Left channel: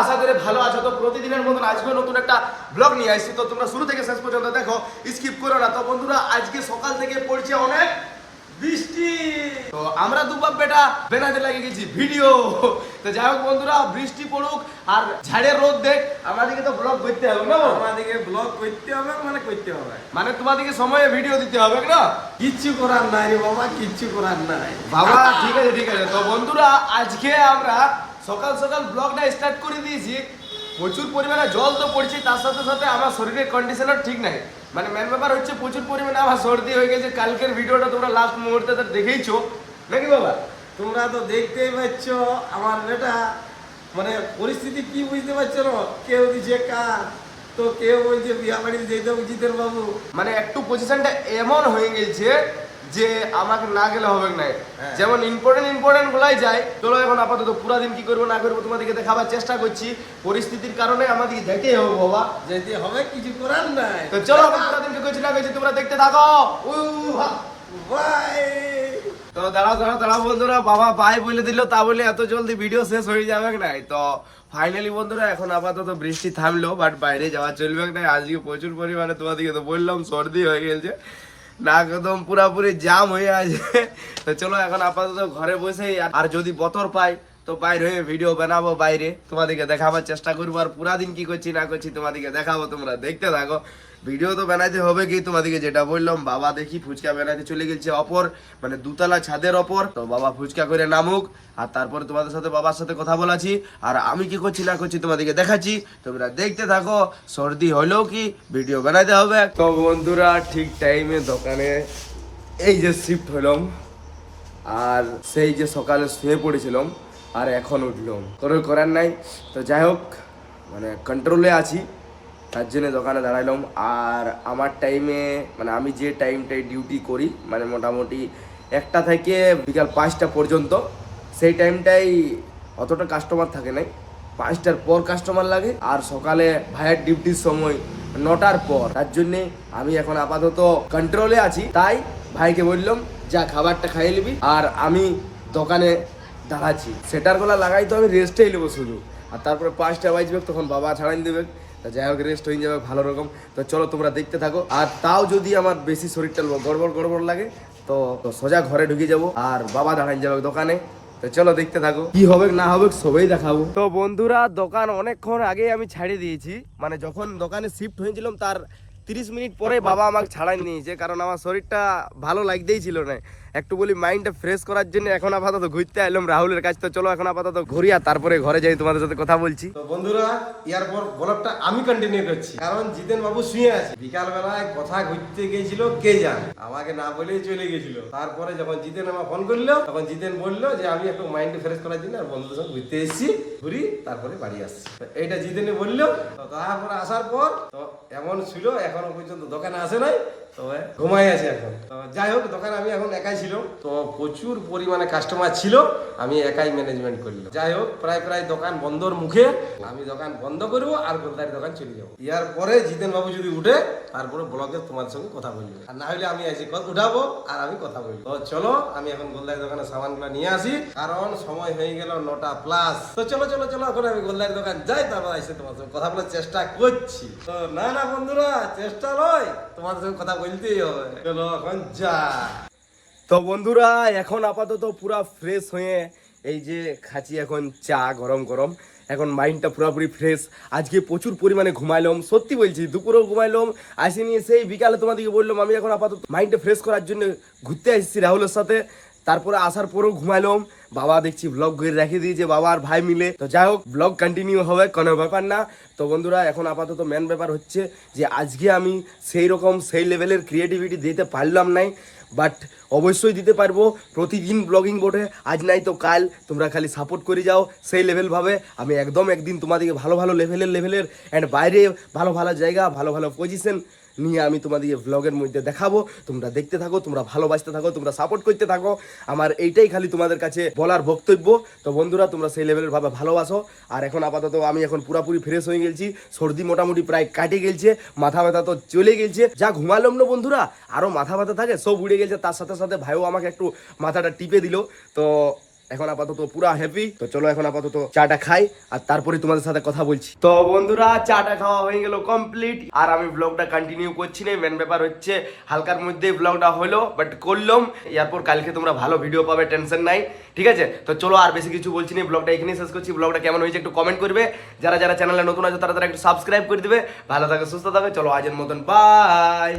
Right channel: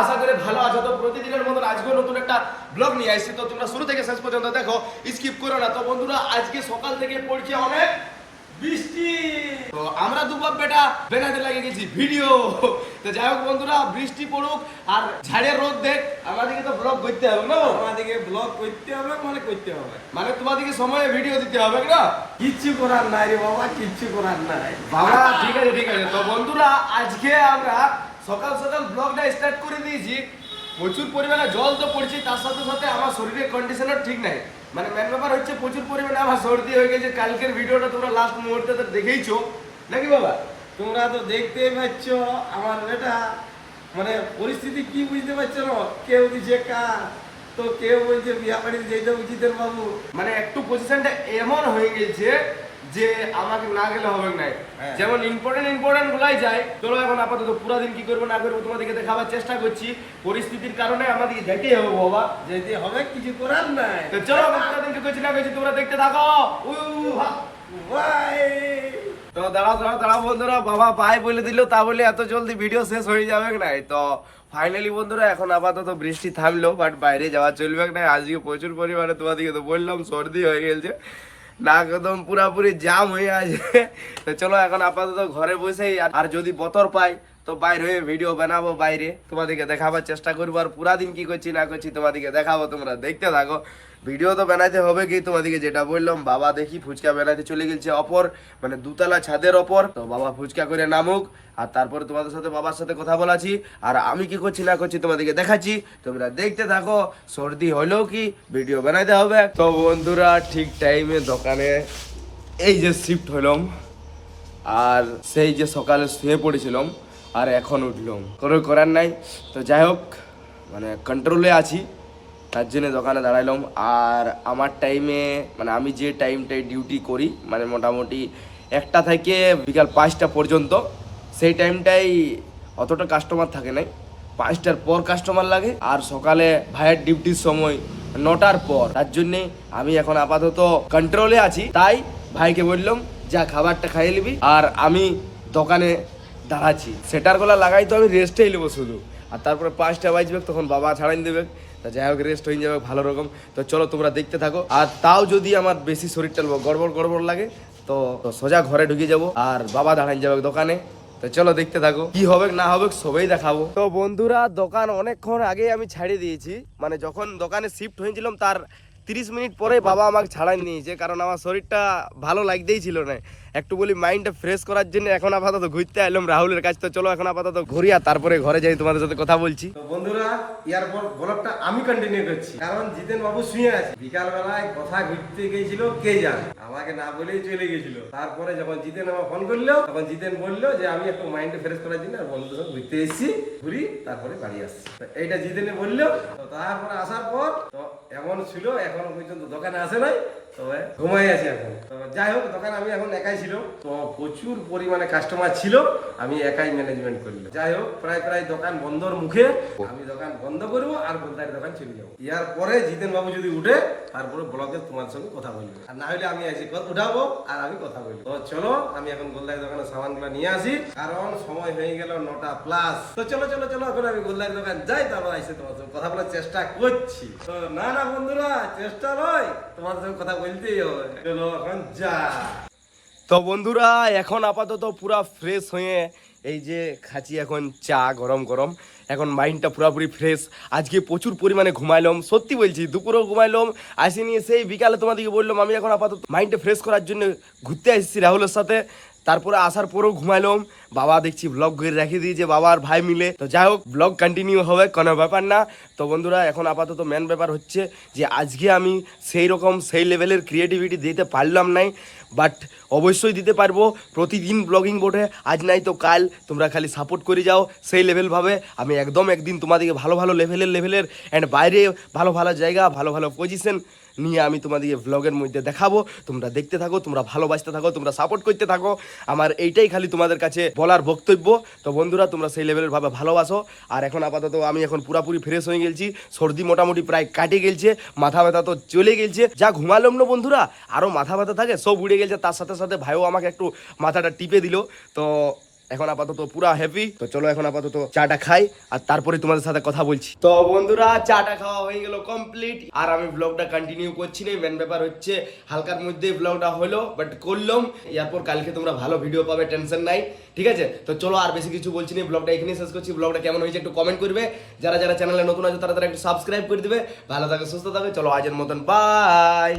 আশা করি ভালো আছো। তো প্রতিদিনের মতন আজকেও নতুন একটা ব্লগ নিয়ে আসছি, তো তোমরা শুরু থেকে শেষ পর্যন্ত দেখো, স্কিপ করো না। তো বন্ধুরা আজকে সকাল থেকে পড়ছে অনেক বৃষ্টি, তো আমরা দুবাব বেটা বেনাতে লাগিয়ে গেছি ভিডিও। তো যাই হোক বন্ধুরা, বৃষ্টি পড়ুক আর ঝাড়ের রোদ দেখ, আমাদেরকে তো ব্লগ করতে হবে না, আমাদেরকে ব্লগ করতে হবে, করতে হবে, মানে তোমাদেরকে সময়ে ভিডিও দিতে হবে না। কিচ্ছু করার নাই রে বাবা, কিচ্ছু করার নাই বাবা। ঠিক আছে ঠিক আছে। তো বন্ধুরা আজকে আমরা সকাল সকাল ব্লগটা স্টার্ট করে দিয়েছি। প্রচুর পরিমাণে জল তো পড়ছে, তার সাথে সাথে আমার শরীরের কন্ডিশনও ঠিক নাই। মানে মেন ব্যাপার হচ্ছে প্রচুর পরিমাণে আমার সর্দি হয়ে গেছে। কালকের ভিডিওটা তোমরা লাস্ট মুহূর্তে তো দেখেইছো নাকি বাবা? তোমরা তো দেখতেই পাচ্ছ আমার এটা মানে পরিস্থিতি কি বুঝতে পারছো না। কেউ দিচ্ছে কাজ, তো কেউ বলছে বিয়া বাড়িতে যেতে উচিতের বাবু। মানে একটু পজিশনটা এমন হয়ে গেছে যে আমাকে না গেলে হবে না। হ্যাঁ। যেমন ইম্পর্টেন্ট গুলাই যায়। চলো এখন আপাতত পুরো দিন কি করবো না করবো তোমাদেরকে দেখাবার চেষ্টা করছি। পরিস্থিতির কারণে আমাদেরকে যেতেই হবে বাবা, যেতে হবে, কিছু করার নাই। তো চলো পুরো দিন কি করছি না করছি তোমরা দেখতে থাকো। ভাই তো দাঁড়াও বন্ধুরা, বাবা ভাই বলে দিল, তা বলে এত জলদি ভিডিও শেষ হয়ে যাবে নাই। তো ফাইনালি বন্ধুরা এখন আপাতত বৃষ্টি থামলো, বাট বাইরে যাওয়া চলবে না। আজকে প্রচুর পরিমাণে তোমাদেরকে তো বললাম সর্দি হয়ে গেছে, নাক একদম পুরাপুরি জাম হয়ে আছে। তো চলো এখন আপাতত ঘরে বসেই, আর যদি বতর পাই তো বাইরে হয়ে ভিডিও বানাবো, বাইরে তোমাদেরকে দেখাবার চেষ্টা করবো। আর পুরা দিন কি করছি না করছি তোমাদেরকে দেখাবো, তোমরা দেখতে থাকো। ভিডিও তো বানাইতে হবে কি, তোমাদেরকে যেটা বললাম, বাবা দেখি ফুচকা বানাইতে চলে গেছে অপর, মানে দুতলা ছাদের ওপর। তো বাবা ফুচকা করে নামুক, আর তারপরে তোমাদের সাথে বাবার সাথে কথা বলাছি, আর আমি কি করছি না করছি তোমাদেরকে দেখাচ্ছি। তোমরা দেখতে থাকো। সর্দি হলেও কি ভিডিও বানাইতে হবে। তো বন্ধুরা ঠিক টাইমে দোকানে এই যে শিফট হলাম, আর সেই যে সকালে শুয়ে পড়েছিলাম আর এখন উঠলাম, কোনো করার নাই। তো যাই হোক, মানে কন্ট্রোলে আছি, তার জন্য দোকানে দাঁড়াইলাম। আর আমার টাইমে, মানে আমি যে টাইমটায় ডিউটি করি, মানে মোটামুটি 1টা থেকে বিকাল 5টা পর্যন্ত, সেই টাইমটাই অতটা কাস্টমার থাকে নাই। 5টার পর কাস্টমার লাগে, আর সকালে ভাইয়ের ডিউটির সময় 9টার পর। তার জন্যে আমি এখন আপাতত কন্ট্রোলে আছি। তাই ভাইকে বললাম যা খাবারটা খাইয়ে নিবি, আর আমি দোকানে দাঁড়াচ্ছি। সেটার গলা লাগাই তো আমি রেস্টেই নেবো শুধু, আর তারপরে 5টা বাজবে তখন বাবা ছাড়াই দেবে। তা যাই হোক, রেস্ট হয়ে যাবে ভালো রকম। তো চলো তোমরা দেখতে থাকো। আর তাও যদি আমার বেশি শরীরটা গড়বড় লাগে তো সোজা ঘরে ঢুকে যাবো, আর বাবা দাঁড়াই যাবে দোকানে। তো চলো দেখতে থাকো, কি হবে না হবে সবই দেখাবো। তো বন্ধুরা দোকান অনেকক্ষণ আগে আমি ছাড়িয়ে দিয়েছি, মানে যখন দোকানে শিফট হয়েছিলাম তার 30 মিনিট পরে বাবা আমাকে ছাড়াই নিয়েছে, কারণ আমার শরীরটা ভালো লাগতেই ছিল না। একটু বলি মাইন্ডটা ফ্রেশ করার জন্য এখন আপাতত ঘুরতে এলাম রাহুলের কাছে। তো চলো এখন আপাতত ঘুরি, আর তারপরে ঘরে যাই তোমাদের সাথে কথা বলছি। তো বন্ধুরা এরপর ব্লগটা আমি কন্টিনিউ করছি, কারণ জিতেন বাবু শুয়ে আছে। বিকাল বেলায় কথা ঘুরতে গেছিল কে জানে, আমাকে না বলেই চলে গেছিল। তারপরে যখন জিতেন আমার ফোন করলো, তখন জিতেন বললো যে আমি একটু মাইন্ড ফ্রেশ করার জন্য আর বন্ধুদের সঙ্গে ঘুরতে এসেছি, ঘুরি তারপরে বাড়ি আসছি। তো এইটা জিতেনে বললো। তো তারপরে আসার পর তো এমন ছিল, এখনো পর্যন্ত দোকানে আসে নাই, তবে ঘুমাই আছে এখন। তো যাই হোক, দোকানে আমি এখন একাই ছিল, তো প্রচুর পরিমাণে কাস্টমার ছিল, আমি একাই ম্যানেজমেন্ট করলাম। যাই হোক, প্রায় দোকান বন্ধর মুখে আমি দোকান বন্ধ করবো আর গোলদারি দোকান চলে যাবো। ইয়ার পরে জিতেন বাবু যদি উঠে তারপরে ব্লগে তোমার সঙ্গে কথা বলবো, আর না হলে আমি এসে উঠাবো আর আমি কথা বলবো। তো চলো আমি এখন গোলদারি দোকানের সামানগুলো নিয়ে আসি, কারণ সময় হয়ে গেল 9টা প্লাস। তো চলো এখন আমি গোলদারি দোকান যাই, তারপর এসে তোমার সঙ্গে কথা বলার চেষ্টা করছি। তো না বন্ধুরা, চেষ্টা নয়, তোমাদের সঙ্গে কথা বলতেই হবে। চলো এখন যা। তো বন্ধুরা এখন আপাতত পুরা ফ্রেশ হয়ে এই যে খাচ্ছি এখন চা গরম গরম। এখন মাইন্ডটা পুরোপুরি ফ্রেশ। আজকে প্রচুর পরিমাণে ঘুমাইলাম, সত্যি বলছি, দুপুরেও ঘুমাইলাম, আসিনি সেই বিকালে তোমাদেরকে বললাম। আমি এখন আপাতত মাইন্ডটা ফ্রেশ করার জন্য ঘুরতে এসেছি রাহুলের সাথে। তারপরে আসার পরেও ঘুমাইলাম। বাবা দেখছি ব্লগ করে রেখে দিয়েছে, বাবা আর ভাই মিলে। তো যাই হোক, ব্লগ কন্টিনিউ হবে, কোনো ব্যাপার না। তো বন্ধুরা এখন আপাতত মেন ব্যাপার হচ্ছে যে আজকে আমি সেই লেভেলের ক্রিয়েটিভিটি দিতে পারলাম নাই, বাট অবশ্যই দিতে পারবো। প্রতিদিন ব্লগিং বোর্ডে আজ নাই তো কাল তোমরা খালি সাপোর্ট করে যাও সেই লেভেলভাবে। আমি একদিন তোমাদেরকে ভালো লেভেলের অ্যান্ড বাইরে ভালো জায়গা ভালো পজিশন নিয়ে আমি তোমাদেরকে ব্লগের মধ্যে দেখাবো। তোমরা দেখতে থাকো, তোমরা ভালোবাসতে থাকো, তোমরা সাপোর্ট করতে থাকো। আমার এইটাই খালি তোমাদের কাছে বলার বক্তব্য। তো বন্ধুরা তোমরা সেই লেভেলের ভাবে ভালোবাসো। আর এখন আপাতত আমি এখন পুরাপুরি ফ্রেশ হয়ে গেছি, সর্দি মোটামুটি প্রায় কাটে গেছে, মাথা ব্যথা তো চলে গেছে। যা ঘুমালাম না বন্ধুরা, আরও মাথা ব্যথা থাকে সব উড়ে গেছে। তার সাথে সাথে ভাইও আমাকে একটু মাথাটা টিপে দিল। তো এখন আপাতত পুরা হ্যাপি। তো চলো এখন আপাতত চাটা খাই আর তারপরে তোমাদের সাথে কথা বলছি। তো বন্ধুরা চাটা খাওয়া হয়ে গেল কমপ্লিট, আর আমি ব্লগটা কন্টিনিউ করছি না। মেন ব্যাপার হচ্ছে হালকার মধ্যে ব্লগটা হলো, বাট করলাম। এরপর কালকে তোমরা ভালো ভিডিও পাবে, টেনশন নাই, ঠিক আছে? তো চলো আর বেশি কিছু বলছি না, ব্লগটা এখানেই শেষ করছি। ব্লগটা কেমন হয়েছে একটু কমেন্ট করবে, যারা যারা চ্যানেলে নতুন আছে তারা তারা একটু সাবস্ক্রাইব করে দিবে। ভালো থাকে, সুস্থ থাকে, চলো আজের মতন বাই।